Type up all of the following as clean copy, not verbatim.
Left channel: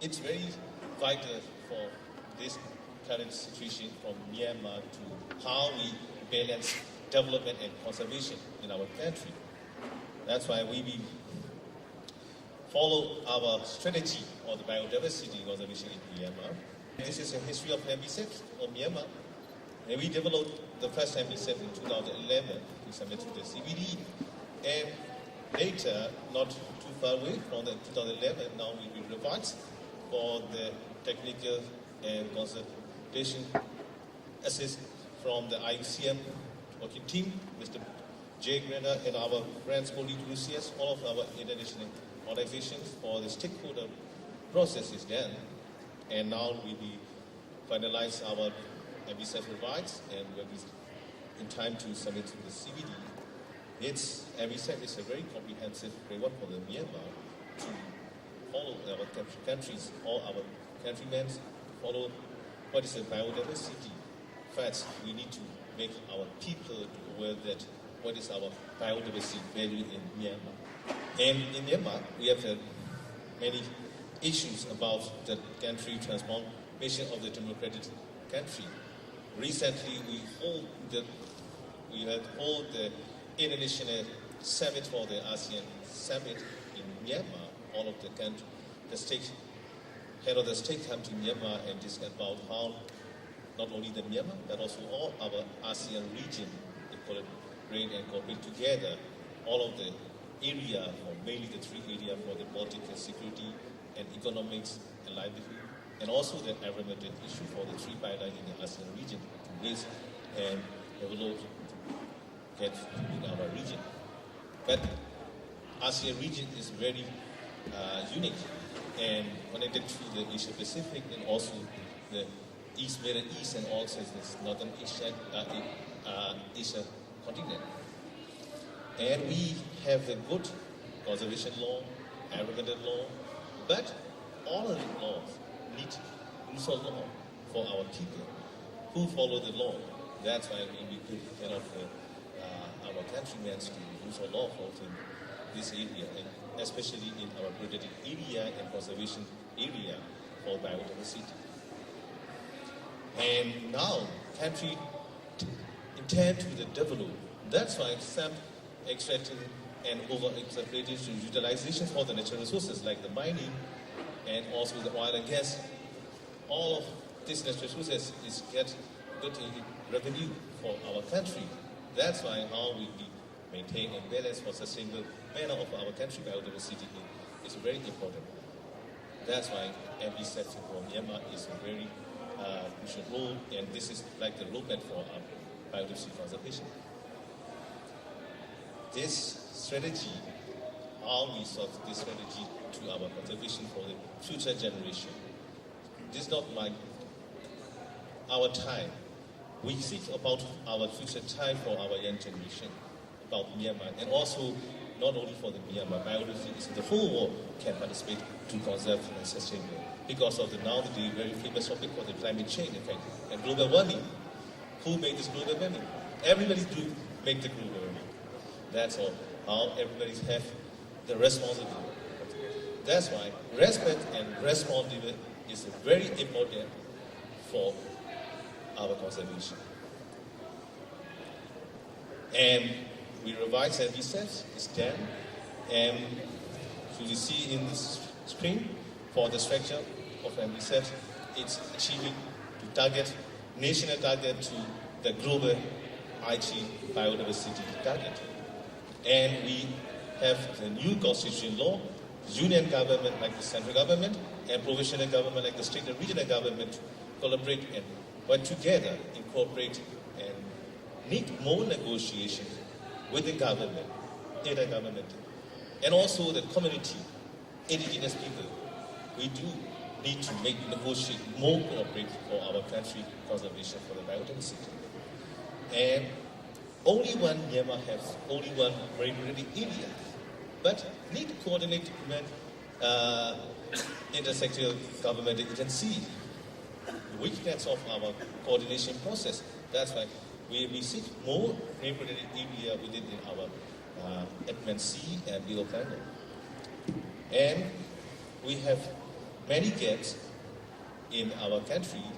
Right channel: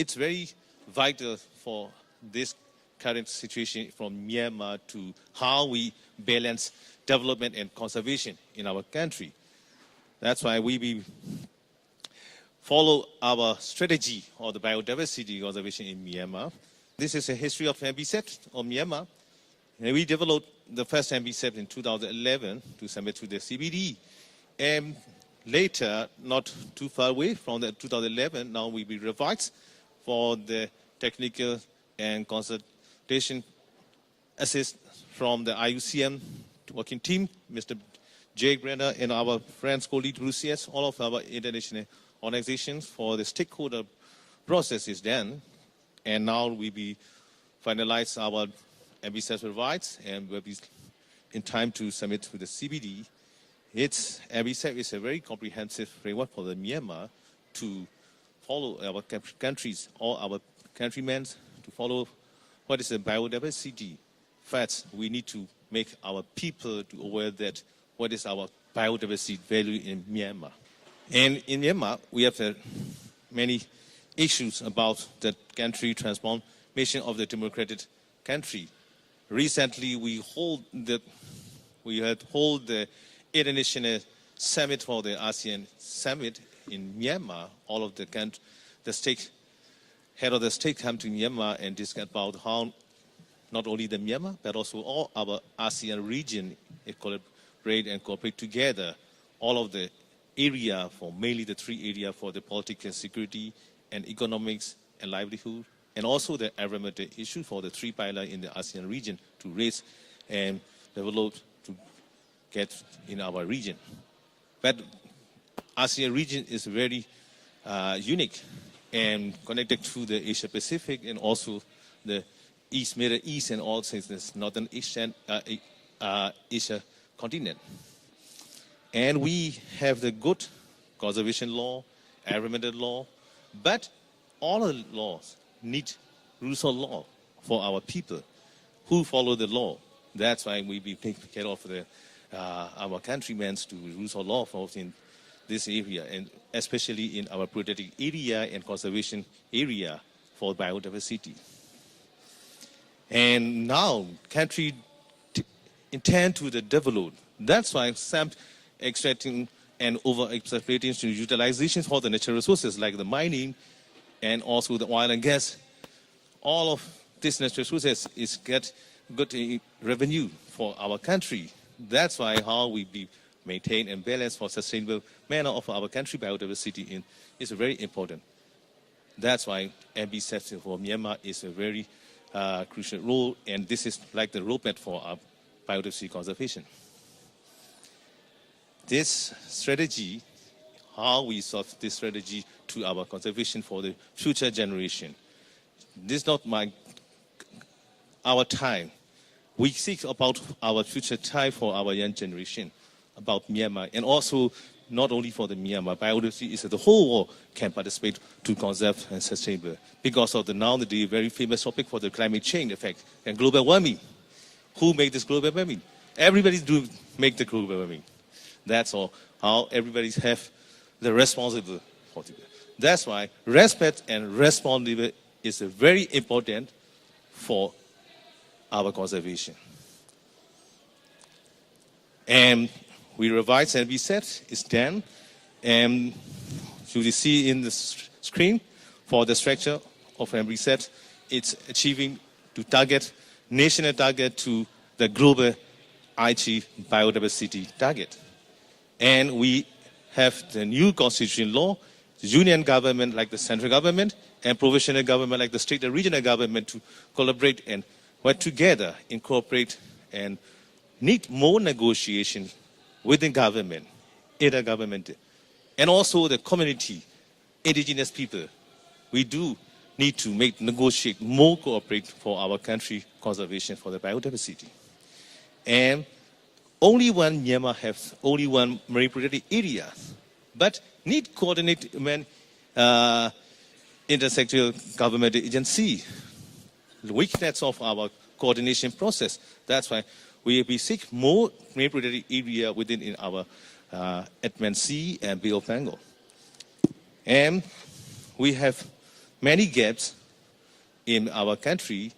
it's very vital for this current situation from Myanmar to how we balance development and conservation in our country. That's why we follow our strategy of the biodiversity conservation in Myanmar. This is a history of MBSET of Myanmar. And we developed the first MBSET in 2011 to submit to the CBD. And later, not too far away from the 2011, now we will revise for the technical and consultation assist from the IUCN working team, Mr. Jay Grenda and our friends, colleagues, Rusias, all of our international organizations for the stakeholder process is done. And now we will finalize our MBSET revise and we'll be in time to submit to the CBD. MBSET is a very comprehensive framework for the Myanmar to follow our countries, all our countrymen to follow what is the biodiversity. First, we need to make our people aware that what is our biodiversity value in Myanmar. And in Myanmar, we have many issues about the country transformation of the democratic country. Recently, we had hold the international summit for the ASEAN summit in Myanmar. All of the head of the state come to Myanmar and discuss about how not only the Myanmar but also all our ASEAN region collaborate and cooperate together. All of the area for mainly the three areas for the political security and economics and livelihood, and also the environmental issue for the three pillars in the ASEAN region to raise and develop to get in our region. But ASEAN region is very unique and connected to the Asia Pacific and also the Middle East and also the Northern Asia continent. And we have the good conservation law, environmental law, but all of the laws need rules of law for our people who follow the law. That's why we take care of our countrymen to rules of law for in this area, and especially in our protected area and conservation area for biodiversity. And now, country intend to develop. That's why some extracting and over-exploitation utilization for the natural resources like the mining and also the oil and gas. All of these natural resources is get good revenue for our country. That's why how we maintain and balance for sustainable manner of our country biodiversity is very important. That's why MBSET for Myanmar is a very crucial role, and this is like the roadmap for our biodiversity conservation. This strategy, how we solve this strategy to our conservation for the future generation. This is not our time. We think about our future time for our young generation, about Myanmar, and also not only for the Myanmar, biodiversity is that the whole world can participate to conserve and sustainable because of the nowadays very famous topic for the climate change effect and global warming. Who made this global warming? Everybody do make the global warming. That's all. How everybody have the responsibility. That's why respect and responsibility is very important for our conservation. And we revise and reset is done. And you see in the screen for the structure of every set, it's achieving to target, national target to the global IG biodiversity target. And we have the new constitutional law, the union government like the central government and provincial government like the state and regional government to collaborate and work together, incorporate and need more negotiation with the government, intergovernmental, and also the community, indigenous people. We do need to negotiate more cooperate for our country conservation for the biodiversity. And only one Myanmar has only one marine protected area, but need coordinate when intersectoral government agency. The weakness of our coordination process. That's why we seek more marine protected area within in our Edmund Sea and Bay of Bengal. And we have many gaps in our country.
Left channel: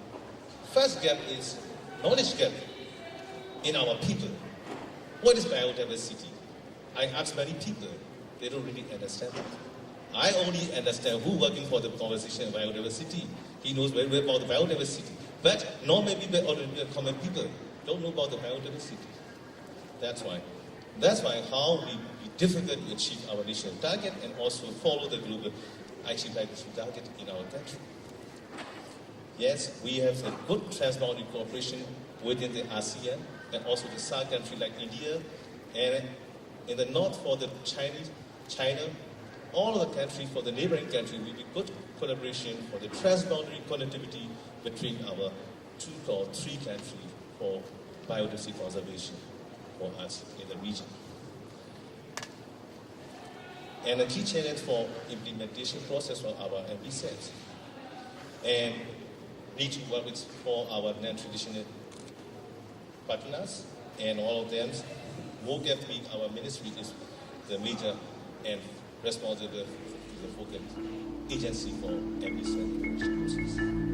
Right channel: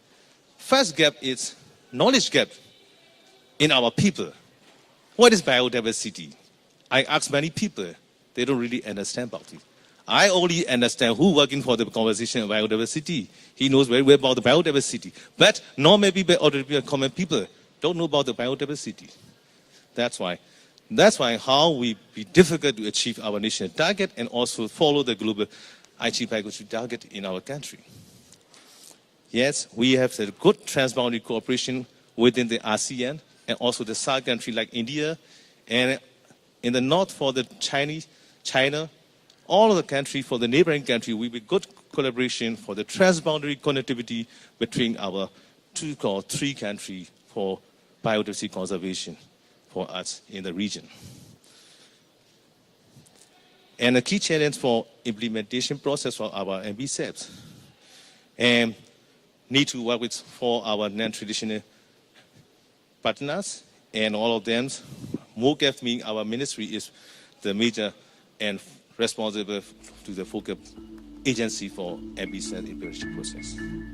First gap is knowledge gap in our people. What is biodiversity? I ask many people, they don't really understand about it. I only understand who working for the conversation of biodiversity. He knows very well about the biodiversity. But not maybe common people don't know about the biodiversity. That's why how we be difficult to achieve our national target and also follow the global IG biodiversity target in our country. Yes, we have a good transboundary cooperation within the ASEAN and also the SAARC country like India, and in the north for the China, all of the country for the neighboring country, we have good collaboration for the transboundary connectivity between our two or three countries for biodiversity conservation for us in the region. And the key challenge for implementation process for our MBSEPs, and need to work with for our non-traditional partners, and all of them. MOGAF, meaning our ministry, is the major and responsible to the focal agency for MBSEP implementation process.